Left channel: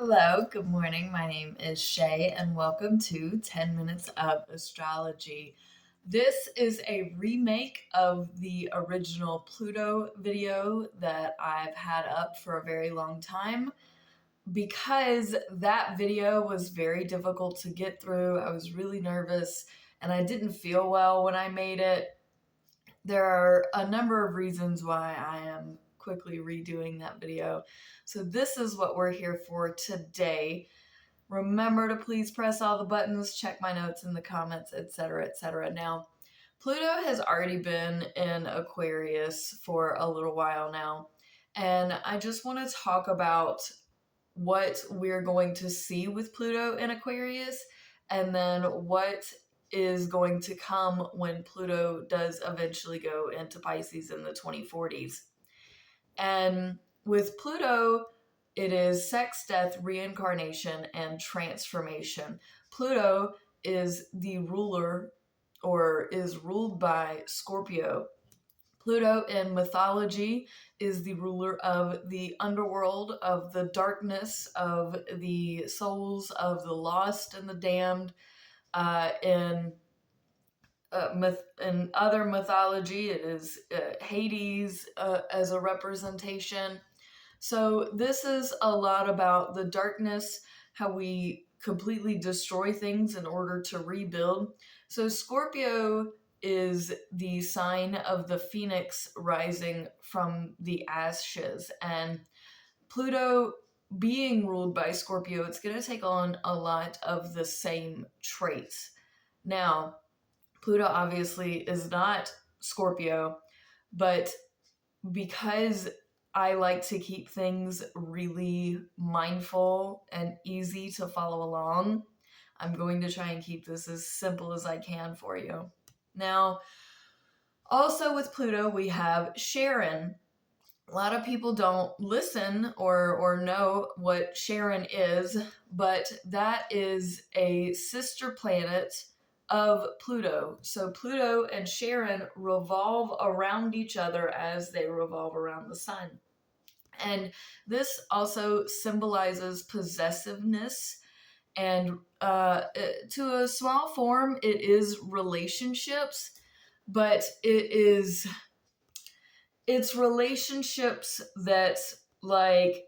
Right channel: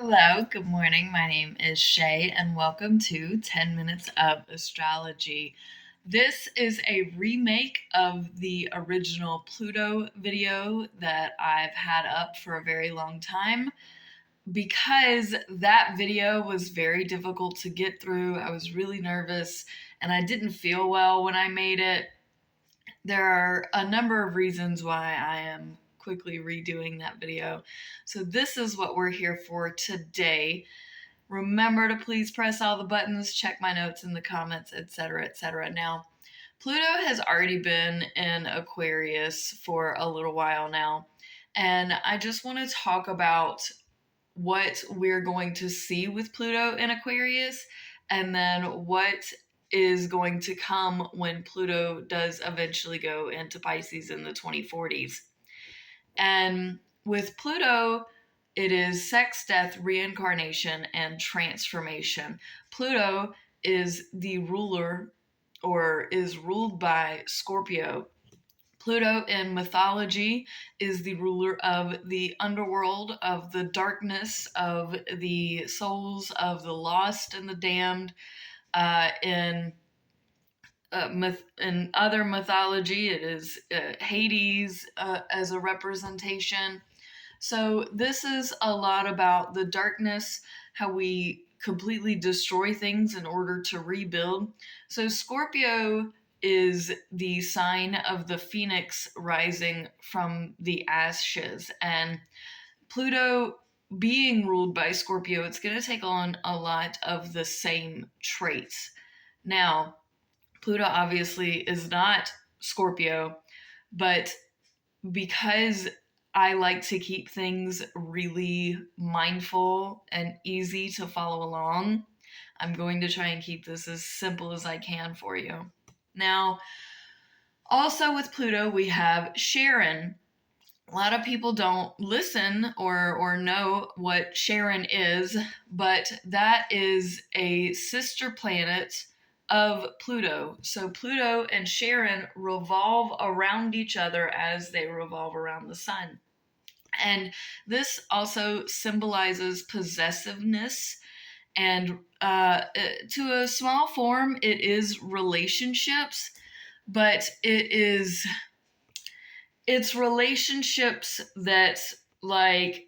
Hello, good morning. My name is Shay, and welcome to 10 Minutes of Astrology. This is a remake of the original Pluto video that I've had up for a very long time because that video was very difficult to get through. I was really nervous and I didn't feel well when I made it. There are a number of reasons why I am quickly redoing that video. So, this is what we're here for today. Remember to please press all the buttons, check my notes in the comments, etc., etc. Now, Pluto has already been in Aquarius for a little while now, and I just want to talk about what we're going to see with Pluto in Aquarius and then what is going to come when Pluto does eventually go into Pisces in the 2040s. And with Pluto, it is sex, death, reincarnation, and transformation. Pluto is the ruler or is ruled by Scorpio. Pluto in mythology is the ruler of the underworld, of the darkness, of the souls of the lost and the damned. In other mythology, it is Hades as a representation. So, this is a lot about the darkness, how we completely destroy things in order to rebuild. So, Scorpio is the sign of the phoenix rising from the ashes. And Pluto being ruled by Scorpio, it's going to take on a lot of the same traits. Now, Pluto obviously is not Scorpio, but because I like to keep things really mindful and easy to follow along, I'm going to try and keep this as simple as I can for you. Now, also with Pluto, we have Charon. A lot of people don't listen or know what Charon is, but that is a sister planet of Pluto. So Pluto and Charon revolve around each other as they revolve around the sun. And this also symbolizes possessiveness. And to a small form, it is relationships, but it's relationships that, like,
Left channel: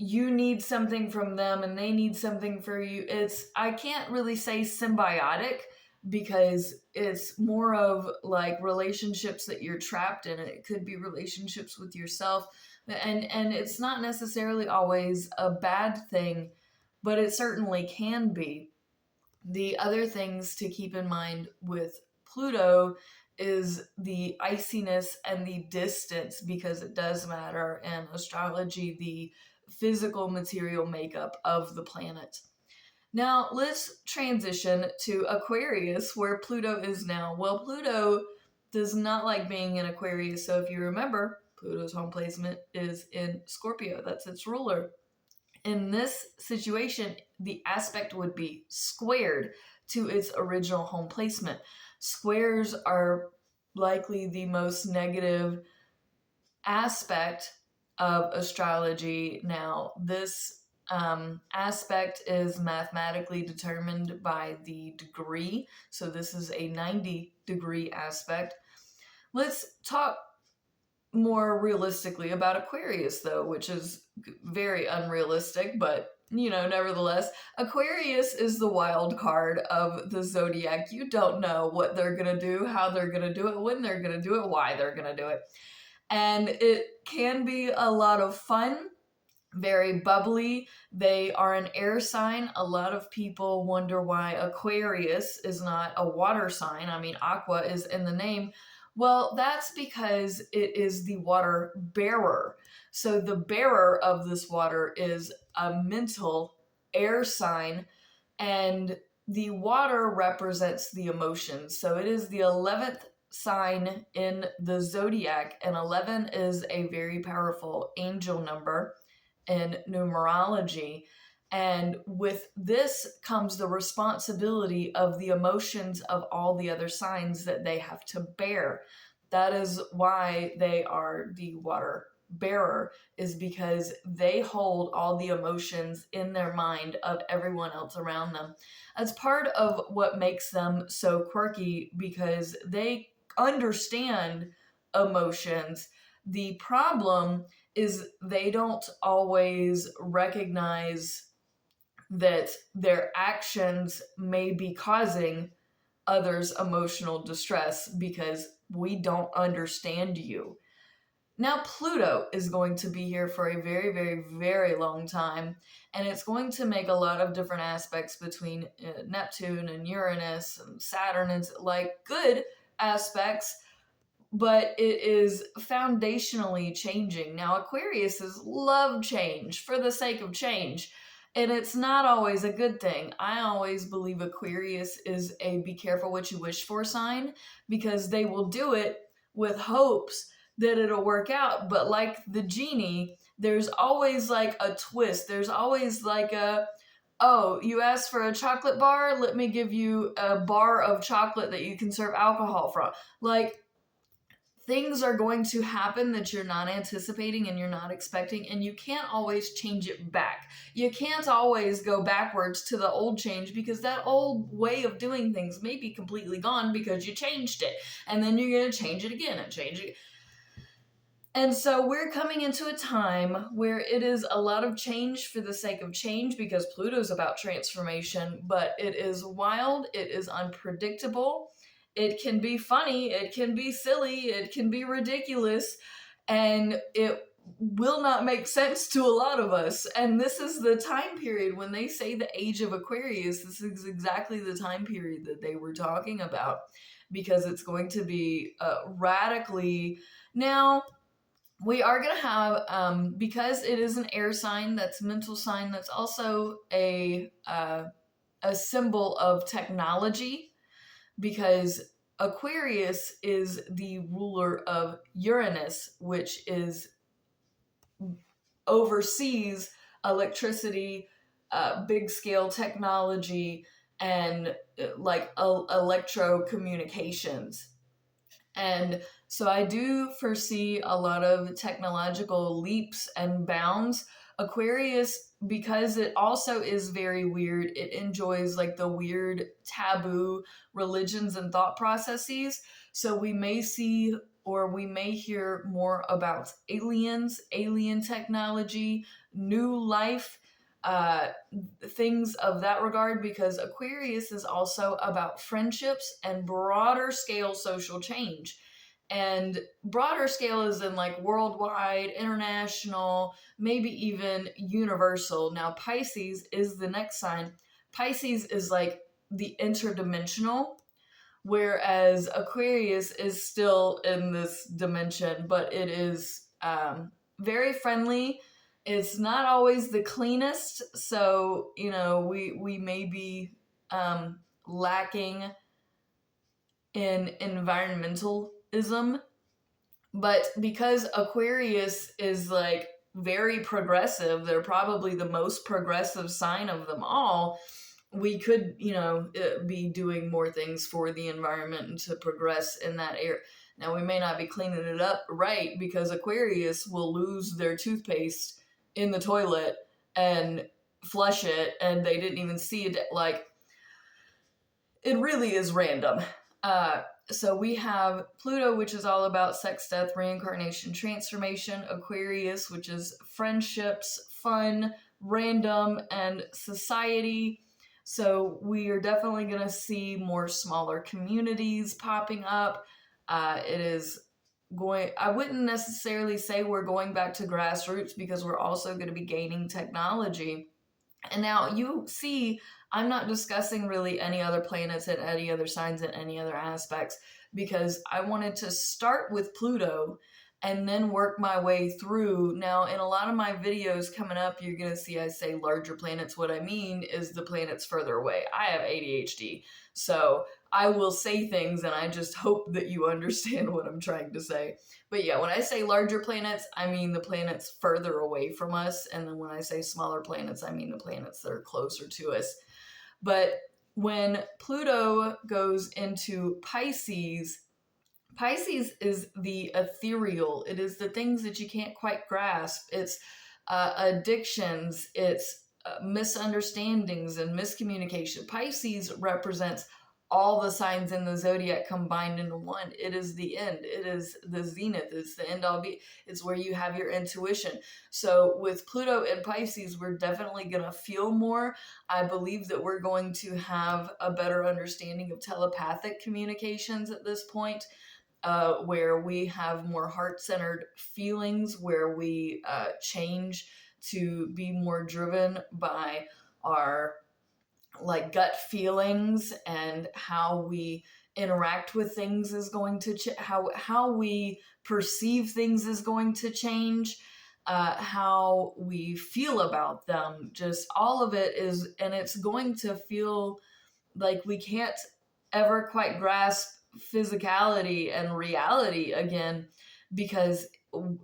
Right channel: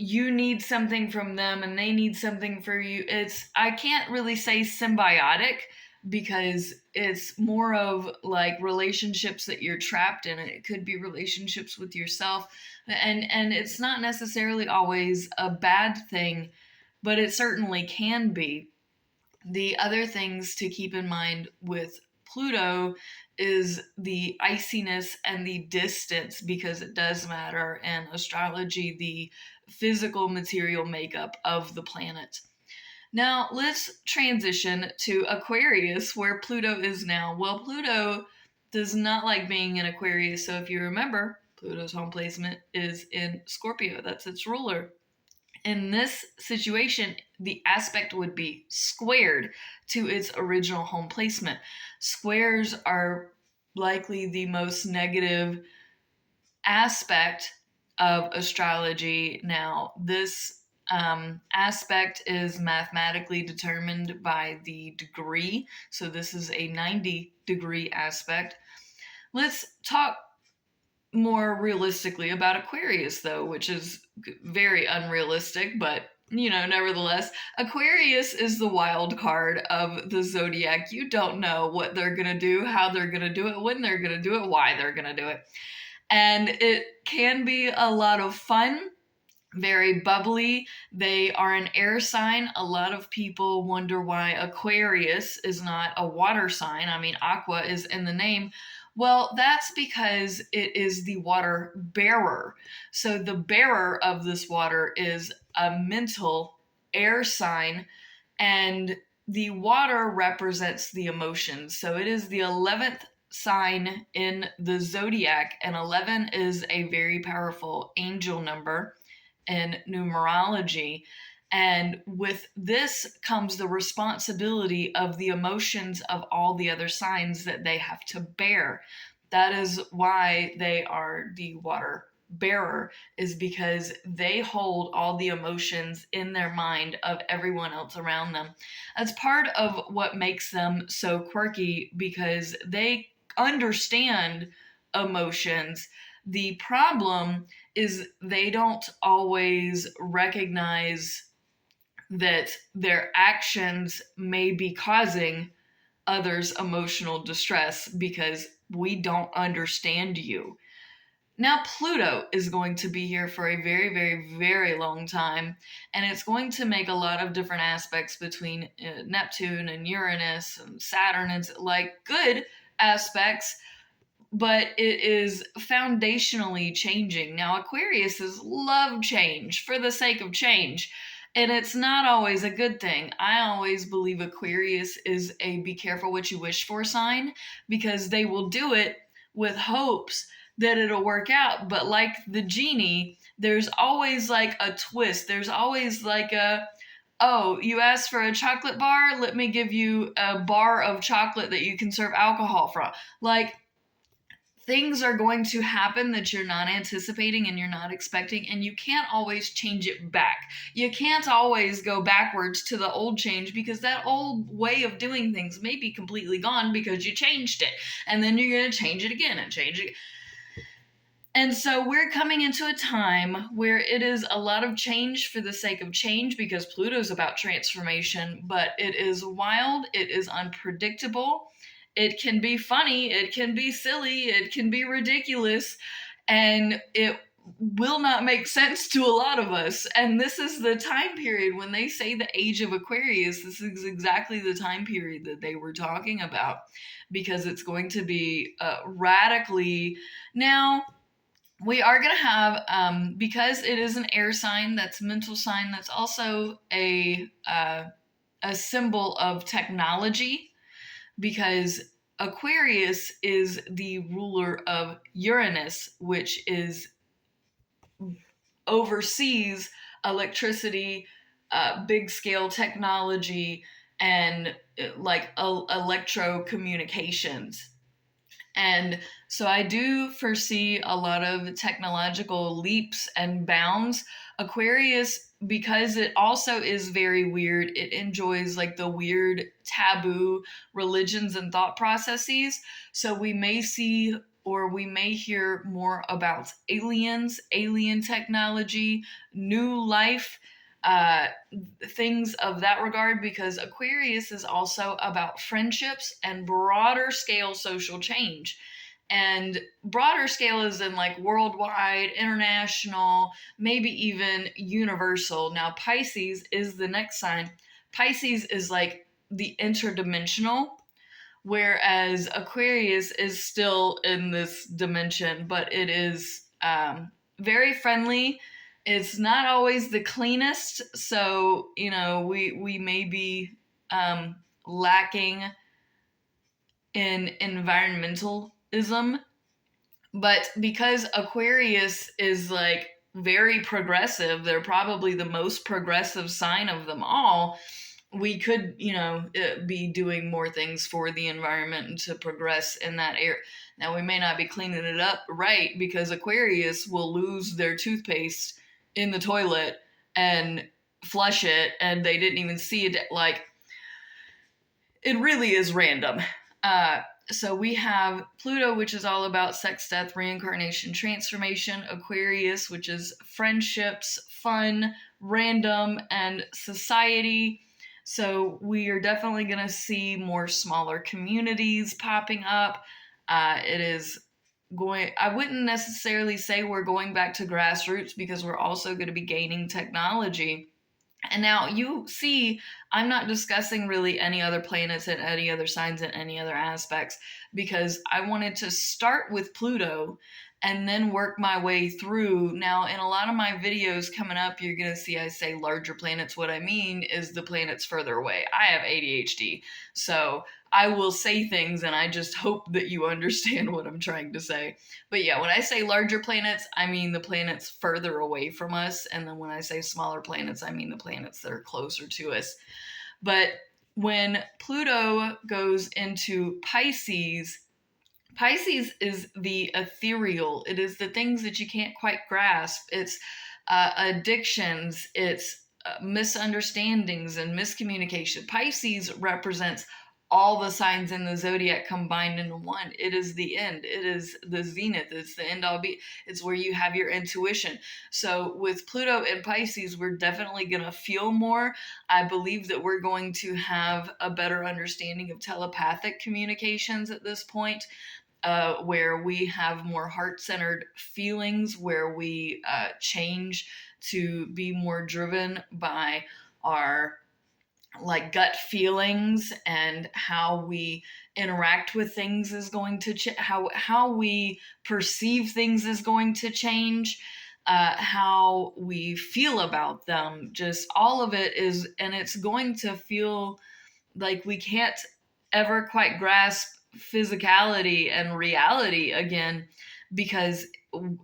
you need something from them and they need something for you. I can't really say symbiotic because it's more of like relationships that you're trapped in. It could be relationships with yourself, and it's not necessarily always a bad thing, but it certainly can be. The other things to keep in mind with Pluto is the iciness and the distance, because it does matter in astrology, the physical material makeup of the planet. Now, let's transition to Aquarius, where Pluto is now. Well, Pluto does not like being in Aquarius, so if you remember, Pluto's home placement is in Scorpio. That's its ruler. In this situation, the aspect would be squared to its original home placement. Squares are likely the most negative aspect of astrology. Now, this aspect is mathematically determined by the degree. So, this is a 90-degree aspect. Let's talk more realistically about Aquarius, though, which is very unrealistic, but nevertheless, Aquarius is the wild card of the zodiac. You don't know what they're going to do, how they're going to do it, when they're going to do it, why they're going to do it. And it can be a lot of fun, very bubbly. They are an air sign. A lot of people wonder why Aquarius is not a water sign. I mean, aqua is in the name. Well, that's because it is the water bearer. So the bearer of this water is a mental air sign, and the water represents the emotions. So it is the 11th sign in the zodiac, and 11 is a very powerful angel number in numerology. And with this comes the responsibility of the emotions of all the other signs that they have to bear. That is why they are the water bearer is because they hold all the emotions in their mind of everyone else around them. That's part of what makes them so quirky, because they understand emotions. The problem is they don't always recognize that their actions may be causing others emotional distress because we don't understand you. Now, Pluto is going to be here for a very, very, very long time, and it's going to make a lot of different aspects between Neptune and Uranus and Saturn. It's like good aspects, but it is foundationally changing. Now, Aquariuses love change for the sake of change, and it's not always a good thing. I always believe Aquarius is a be careful what you wish for sign, because they will do it with hopes that it'll work out. But like the genie, there's always like a twist. There's always like oh, you asked for a chocolate bar? Let me give you a bar of chocolate that you can serve alcohol from. Like, things are going to happen that you're not anticipating and you're not expecting, and you can't always change it back. You can't always go backwards to the old change, because that old way of doing things may be completely gone because you changed it, and then you're going to change it again and change it. And so we're coming into a time where it is a lot of change for the sake of change, because Pluto's about transformation, but it is wild, it is unpredictable. It can be funny, it can be silly, it can be ridiculous, and it will not make sense to a lot of us. And this is the time period when they say the age of Aquarius, this is exactly the time period that they were talking about, because it's going to be radically. Now, we are going to have, because it is an air sign, that's mental sign, that's also a symbol of technology, because Aquarius is the ruler of Uranus, which is oversees electricity, big scale technology, and like electro communications. And so I do foresee a lot of technological leaps and bounds. Aquarius, because it also is very weird, it enjoys like the weird taboo religions and thought processes. So we may see, or we may hear more about aliens, alien technology, new life, uh, things of that regard, because Aquarius is also about friendships and broader scale social change. And broader scale is in like worldwide, international, maybe even universal. Now, Pisces is the next sign. Pisces is like the interdimensional, whereas Aquarius is still in this dimension, but it is very friendly. It's not always the cleanest, so we may be lacking in environmentalism, but because Aquarius is like very progressive, they're probably the most progressive sign of them all. We could, be doing more things for the environment and to progress in that area. Now, we may not be cleaning it up right, because Aquarius will lose their toothpaste in the toilet and flush it, and they didn't even see it. Like, it really is random. So we have Pluto, which is all about sex, death, reincarnation, transformation. Aquarius, which is friendships, fun, random, and society. So we are definitely going to see more smaller communities popping up. It is going, I wouldn't necessarily say we're going back to grassroots, because we're also going to be gaining technology. And now you see, I'm not discussing really any other planets and any other signs and any other aspects, because I wanted to start with Pluto and then work my way through. Now, in a lot of my videos coming up, you're going to see I say larger planets. What I mean is the planets further away. I have ADHD, so I will say things and I just hope that you understand what I'm trying to say. But yeah, when I say larger planets, I mean the planets further away from us. And then when I say smaller planets, I mean the planets that are closer to us. But when Pluto goes into Pisces, Pisces is the ethereal. It is the things that you can't quite grasp. It's addictions. It's misunderstandings and miscommunication. Pisces represents all the signs in the zodiac combined into one. It is the end. It is the zenith. It's the end all be. It's where you have your intuition. So with Pluto and Pisces, we're definitely going to feel more. I believe that we're going to have a better understanding of telepathic communications at this point, where we have more heart centered feelings, where we change to be more driven by our like gut feelings, and how we interact with things is going to how we perceive things is going to change, how we feel about them, just all of it is, and it's going to feel like we can't ever quite grasp physicality and reality again, because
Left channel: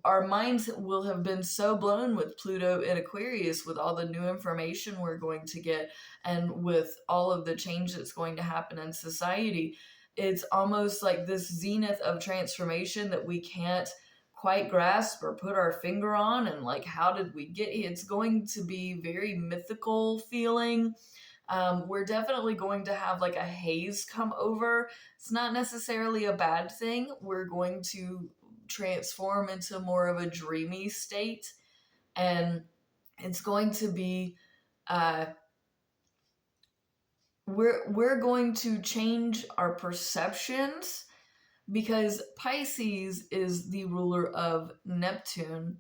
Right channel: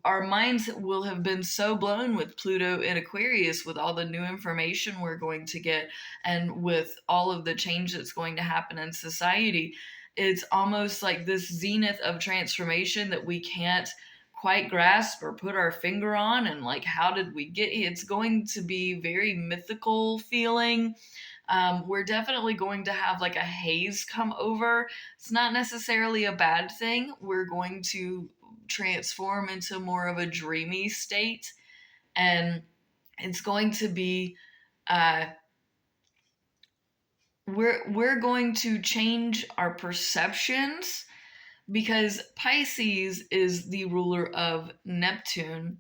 our minds will have been so blown with Pluto in Aquarius, with all the new information we're going to get and with all of the change that's going to happen in society. It's almost like this zenith of transformation that we can't quite grasp or put our finger on, and like, how did we get here? It's going to be very mythical feeling. We're definitely going to have like a haze come over. It's not necessarily a bad thing. We're going to transform into more of a dreamy state, and it's going to be uh, we're going to change our perceptions, because Pisces is the ruler of Neptune,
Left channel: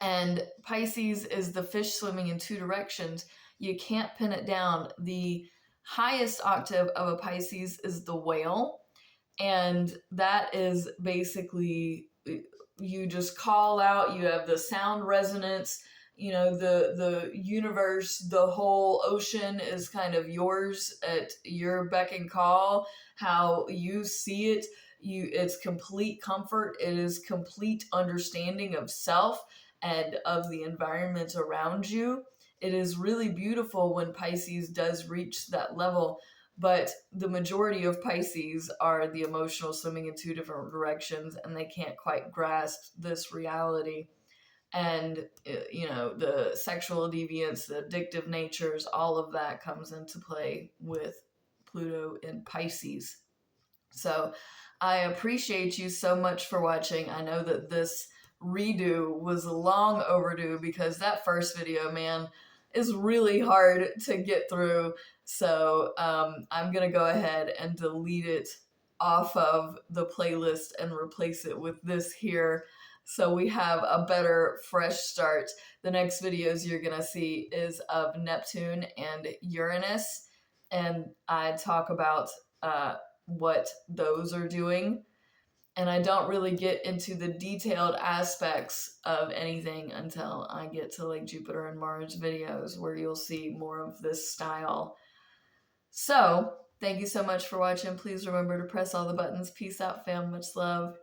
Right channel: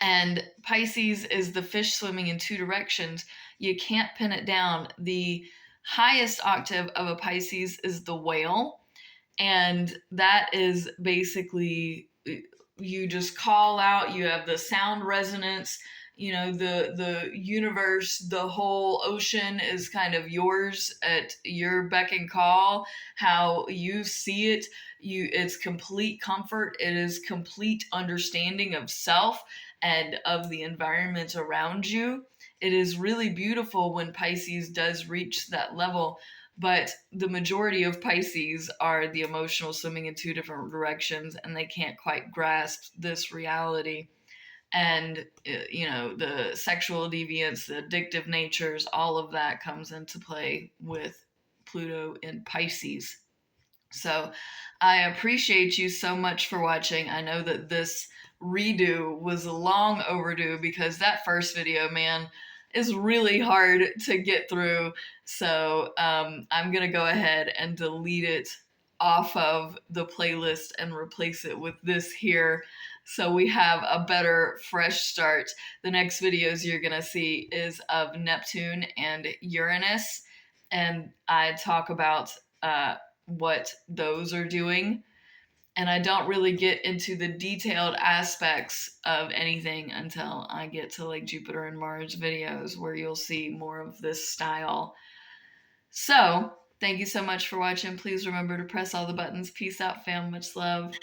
and Pisces is the fish swimming in two directions. You can't pin it down. The highest octave of a Pisces is the whale, and that is basically, you just call out, you have the sound resonance, you know, the universe, the whole ocean is kind of yours at your beck and call. How you see it, it's complete comfort, it is complete understanding of self and of the environment around you. It is really beautiful when Pisces does reach that level, but the majority of Pisces are the emotional swimming in two different directions, and they can't quite grasp this reality. And, you know, the sexual deviance, the addictive natures, all of that comes into play with Pluto in Pisces. So I appreciate you so much for watching. I know that this redo was long overdue, because that first video, man, is really hard to get through. So I'm going to go ahead and delete it off of the playlist and replace it with this here, so we have a better fresh start. The next videos you're going to see is of Neptune and Uranus, and I talk about what those are doing. And I don't really get into the detailed aspects of anything until I get to like Jupiter and Mars videos, where you'll see more of this style. So, thank you so much for watching. Please remember to press all the buttons. Peace out, fam. Much love.